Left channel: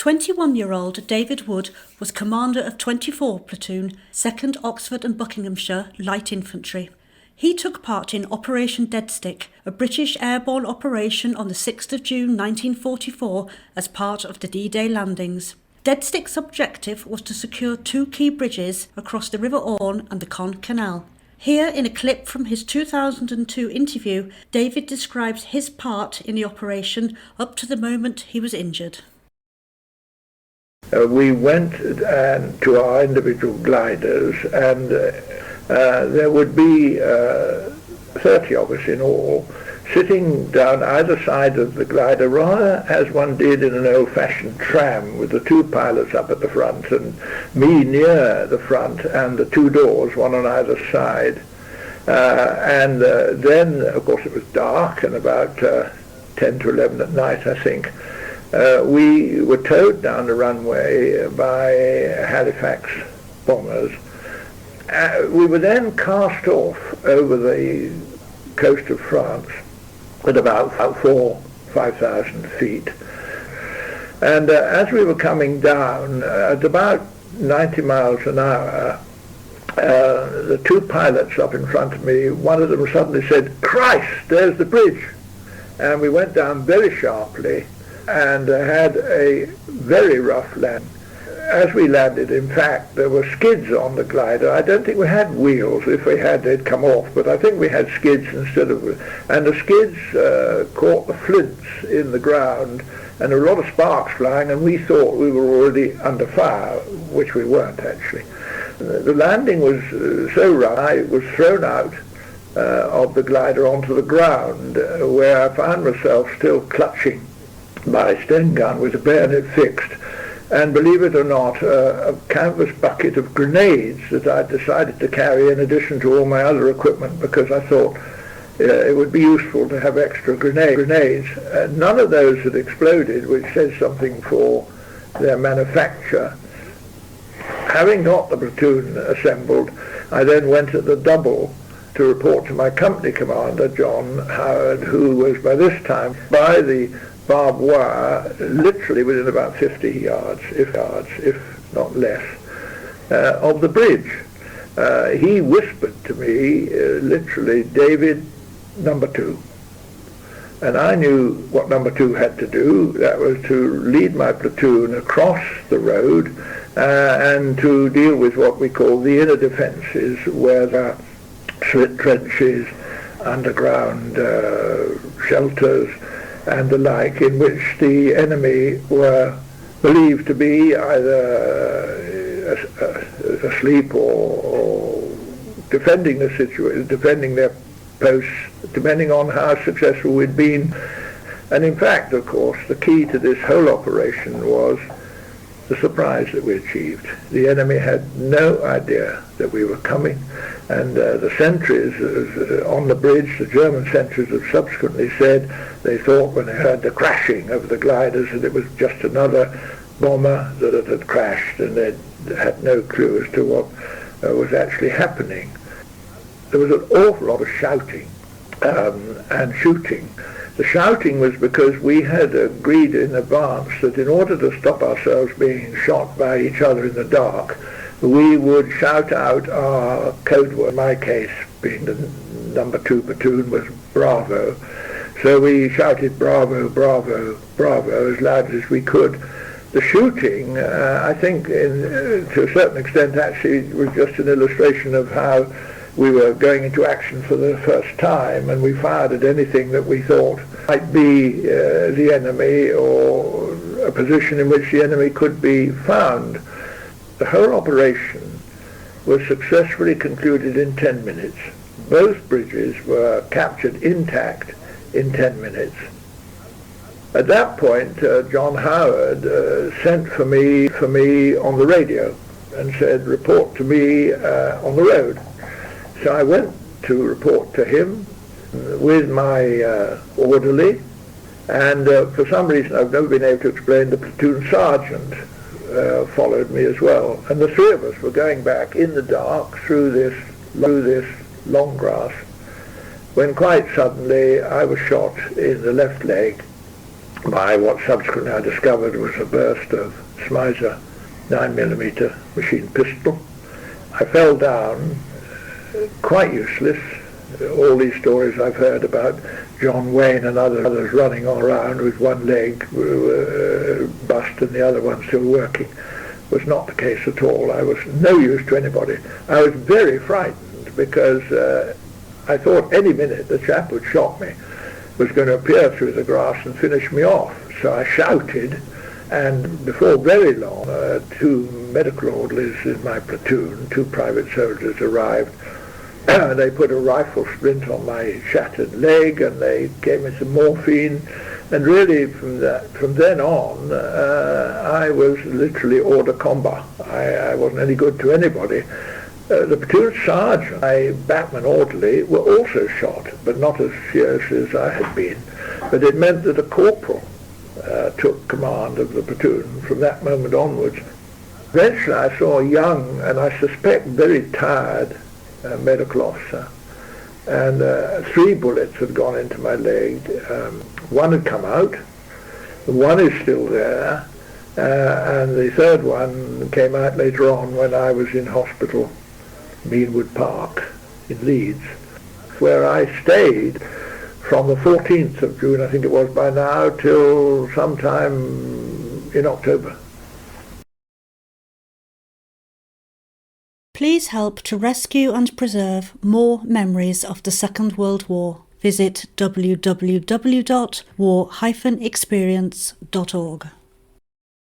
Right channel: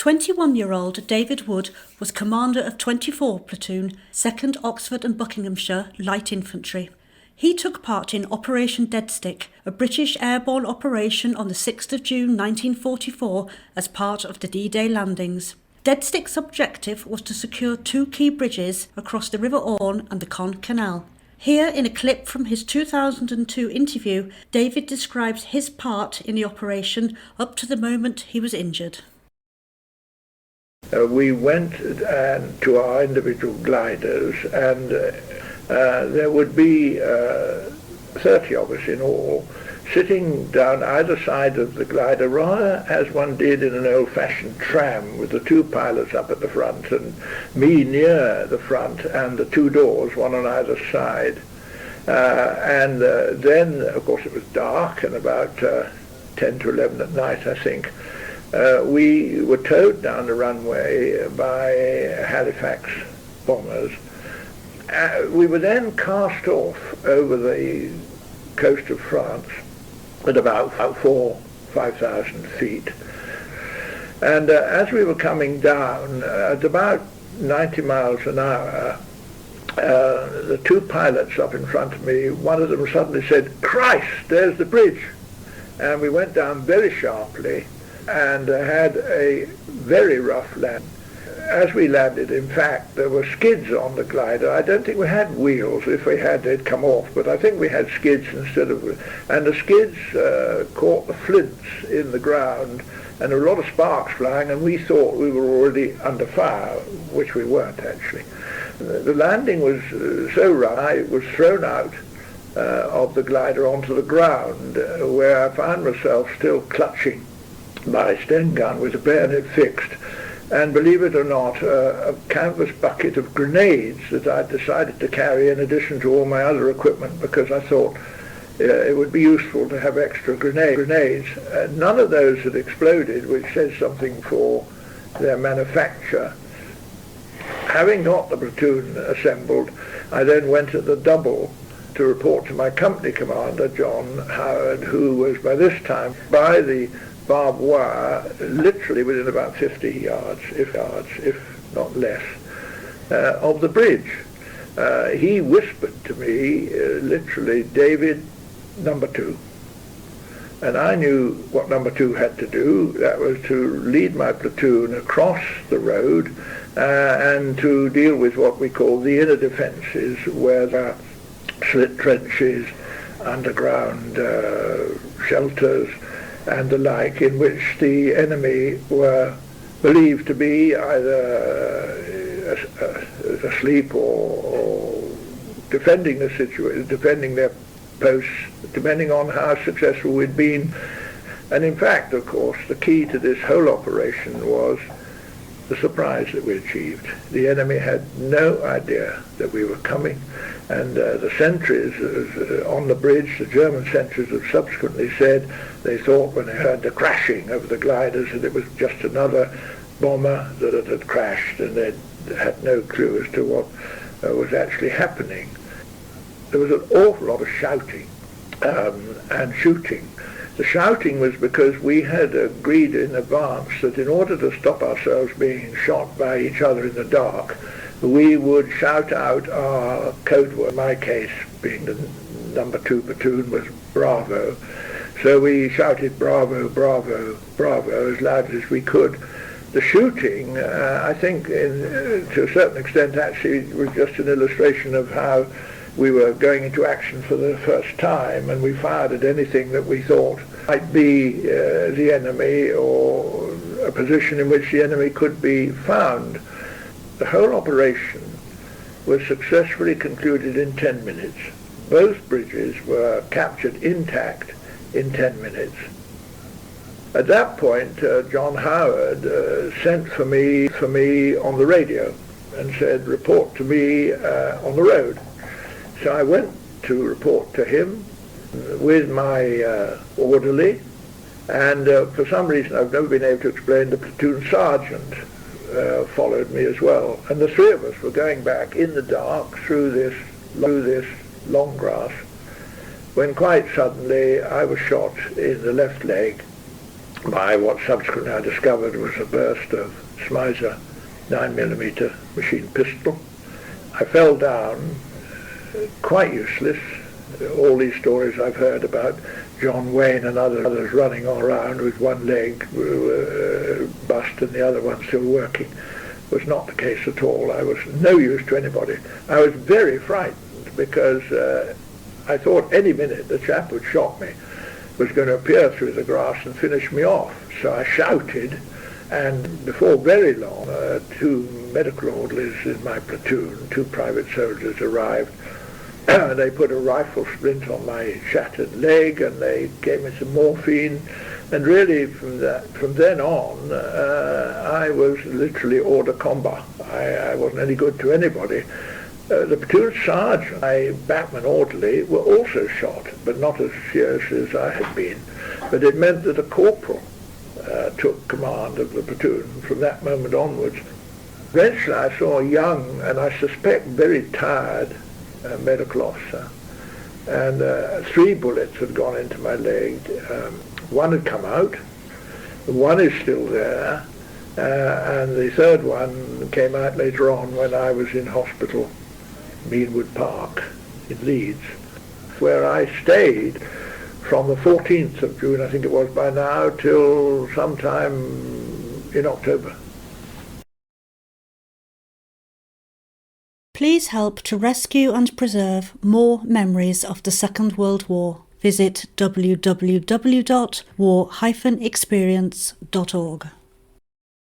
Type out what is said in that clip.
21-year-old David Wood was commander of 24 Platoon, 2nd Oxford and Buckinghamshire Light Infantry. He took part in Operation Deadstick, a British airborne operation on the 6th of June 1944 as part of the D-Day landings. Deadstick's objective was to secure two key bridges across the River Orne and the Caen Canal. Here, in a clip from his 2002 interview, David describes his part in the operation up to the moment he was injured. We went to our individual gliders, and there would be 30 of us in all, sitting down either side of the glider, rather as one did in an old-fashioned tram, with the two pilots up at the front and me near the front and the two doors, one on either side. Then, of course, it was dark and about 10 to 11 at night, I think. We were towed down the runway by Halifax bombers. We were then cast off over the coast of France at about 5,000 feet. And as we were coming down at about 90 miles an hour, the two pilots up in front of me, one of them suddenly said, "Christ, there's the bridge!" And we went down very sharply and had a very rough land. As we landed, in fact, there were skids on the glider. I don't think we had wheels. If we had, they'd come off, but I think we had skids instead of... And the skids caught the flints in the ground, and there were a lot of sparks flying, and we thought we were already under fire, which we weren't, actually. The landing was so rough, I was thrown out of the glider onto the ground, where I found myself still clutching my Sten gun with the bayonet fixed, and believe it or not, a canvas bucket of grenades that I decided to carry in addition to all my other equipment, because I thought it would be useful to have extra grenades. None of those had exploded, which says something for their manufacture. Having got the platoon assembled, I then went at the double to report to my company commander, John Howard, who was by this time by the barbed wire, literally within about 50 yards, if not less, of the bridge. He whispered to me, literally, "David, number 2." And I knew what number 2 had to do. That was to lead my platoon across the road and to deal with what we call the inner defences, where there are slit trenches, underground shelters, and the like, in which the enemy were believed to be either asleep or defending the situation, defending their posts, depending on how successful we'd been. And in fact, of course, the key to this whole operation was the surprise that we achieved. The enemy had no idea that we were coming, and the sentries on the bridge, the German sentries, have subsequently said they thought when they heard the crashing of the gliders that it was just another bomber that it had crashed, and they had no clue as to what was actually happening. There was an awful lot of shouting and shooting. The shouting was because we had agreed in advance that in order to stop ourselves being shot by each other in the dark, we would shout out our code word. In my case, being the number 2 platoon, was Bravo. So we shouted Bravo, Bravo, Bravo as loud as we could. The shooting, I think, to a certain extent, actually was just an illustration of how we were going into action for the first time, and we fired at anything that we thought might be the enemy, or a position in which the enemy could be found. The whole operation was successfully concluded in 10 minutes. Both bridges were captured intact in 10 minutes. At that point, John Howard sent for me on the radio and said, "Report to me on the road." So I went to report to him with my orderly, and for some reason I've never been able to explain, the platoon sergeant followed me as well, and the three of us were going back in the dark through this long grass, when quite suddenly I was shot in the left leg by what subsequently I discovered was a burst of Smiser 9mm machine pistol. I fell down, quite useless. All these stories I've heard about John Wayne and others running all around with one leg bust and the other one still working was not the case at all. I was no use to anybody. I was very frightened because I thought any minute the chap who'd shot me was going to appear through the grass and finish me off. So I shouted, and before very long, two medical orderlies in my platoon, two private soldiers, arrived. They put a rifle splint on my shattered leg, and they gave me some morphine. And really, from then on, I was literally hors de combat. I wasn't any good to anybody. The platoon sergeant, my backman orderly, were also shot, but not as seriously as I had been. But it meant that a corporal took command of the platoon from that moment onwards. Eventually I saw a young, and I suspect very tired, medical officer, and 3 bullets had gone into my leg. One had come out, one is still there, and the third one came out later on when I was in hospital, Meanwood Park in Leeds, where I stayed from the 14th of June, I think it was by now, till sometime in October. Please help to rescue and preserve more memories of the Second World War. Visit www.war-experience.org.